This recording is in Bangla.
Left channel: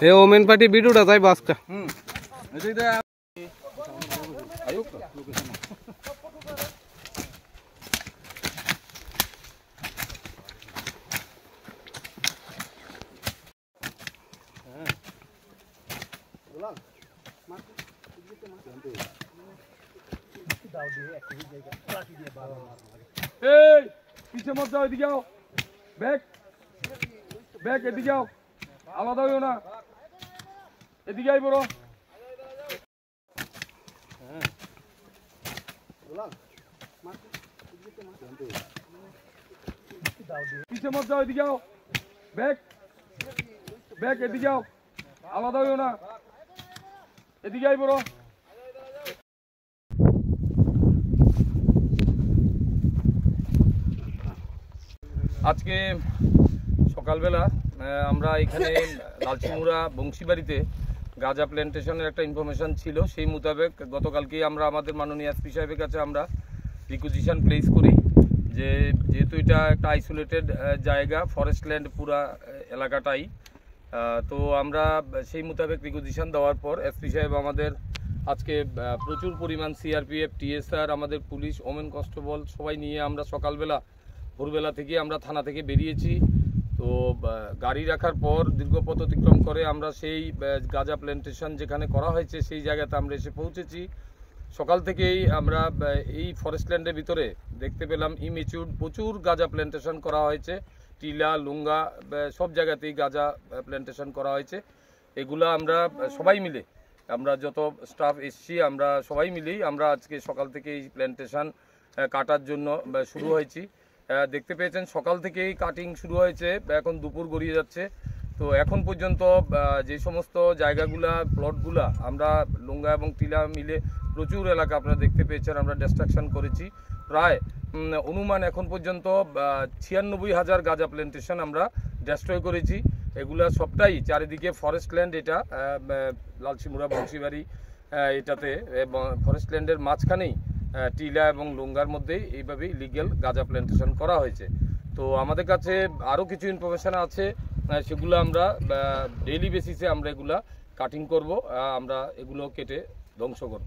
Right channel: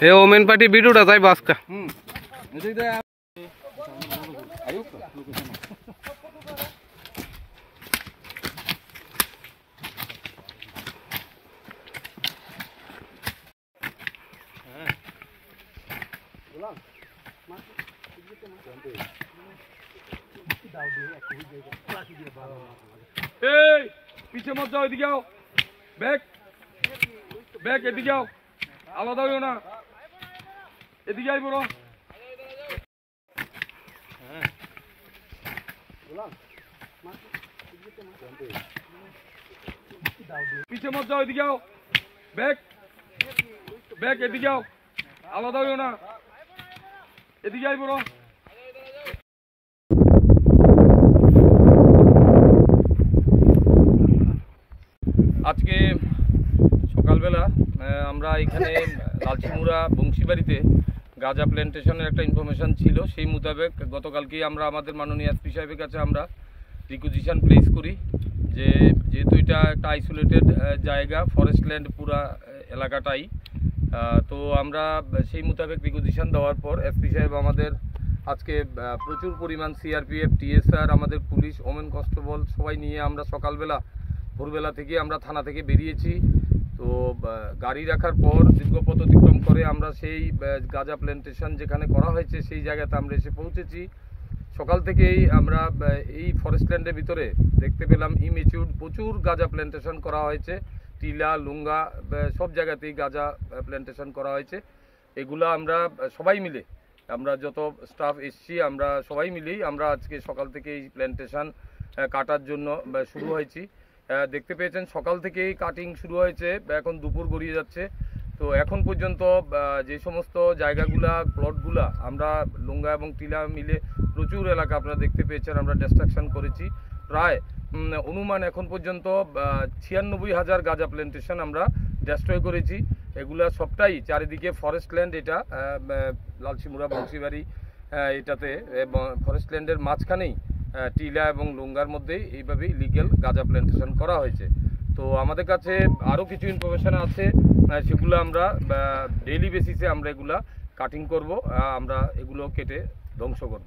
हे ओमेन पार्टी वीडियोটা তাই বাসকা पीछे मत जाओ, इधर आओ, बैक बैक इधर आओ, आलादा हो ना, इधर आई बोलो, पीछे मत जाओ, इधर आओ, बैक बैक इधर आओ, आलादा हो ना, इधर आई बोलो। আজকে সকালবেলা আমরা এখানে লালচিমুড়া বংশীবাড়িতে গাঁজা প্ল্যান্টেশনের একটা ইনফরমেশন ছিল, সেই মোতাবেক গতকালকেই আমরা আমাদের মাননীয় এসপি সাহেবের কাছে আমরা রিকুইজিশন প্লেস করি যে যেহেতু এটা একটা আইসোলেটেড জায়গা, ফরেস্ট ল্যান্ড পুরা এলাকাটাই, তো আমরা সেই মোতাবেক রিকুইজিশন দেওয়ার পর এসপি সাহেব আমাদের আজকে প্রচুর পরিমাণ সিআরপিএফ, টিএসআর, আমাদের পুলিশ, ওমেন কনস্টেবল সবাই নিয়ে আমরা সকালবেলা ভোরবেলা থেকে আমরা থানা থেকে বেরিয়েছি। তো গাড়ি রাখার পর দীর্ঘ পথ অতিক্রম করে আমরা সেই গাঁজা প্ল্যান্টেশন যেখানে করা হয়েছে সেই জায়গাতে আমরা এসে পৌঁছেছি। সকাল থেকেই আমরা এই ফরেস্ট ল্যান্ডের ভিতরে দেখতে পেলাম ইমেচিউর প্রচুর গাঁজা প্ল্যান্টেশন করা হয়েছে, টিলা, লুঙ্গা সব জায়গাতেই গাঁজা প্ল্যান্টেশন করা হয়েছে। এগুলো আমরা সবাই মিলে, আমরা যত স্টাফ এসছি আমরা সবাই মিলেই আমরা আজকে সকাল থেকে এই প্ল্যান্টেশন কাটার জন্য শুরু হয়েছি। দেখতে পেয়েছেন সকাল থেকেই কাটিং শুরু হয়েছে, এখন দুপুর গড়িয়ে যাচ্ছে। তো এখন পর্যন্ত যে সমস্ত জায়গাগুলা প্লটগুলা আমরা লুঙ্গা এবং টিলা মিলে প্রচুর এলাকা আপনারা দেখতে পেয়েছেন আমরা ডিস্ট্রাকশন করেছি। প্রায় অনুমান এখন পর্যন্ত 96,000 গাঁজা প্ল্যান্টেশন আমরা ডেস্ট্রয় করেছি। এগুলা সবটাই চারিদিকে ফরেস্ট ল্যান্ড, এটা লালচিমুড়া বংশীবাড়ি এটাতে ফরেস্ট ল্যান্ডের মাঝখানেই টিলা এবং লুঙ্গার মধ্যেই এইভাবেই লিগ্যাল গাঁজা প্ল্যান্টেশন করা হয়েছে। তো আমাদের কাছে আরও কিছু ইনফরমেশান আছে, সেগুলো আমরা ডেইলি বেসিসে আমরা এগুলা কাটিং করব, আমরা এগুলো কেটে ধ্বংস করব।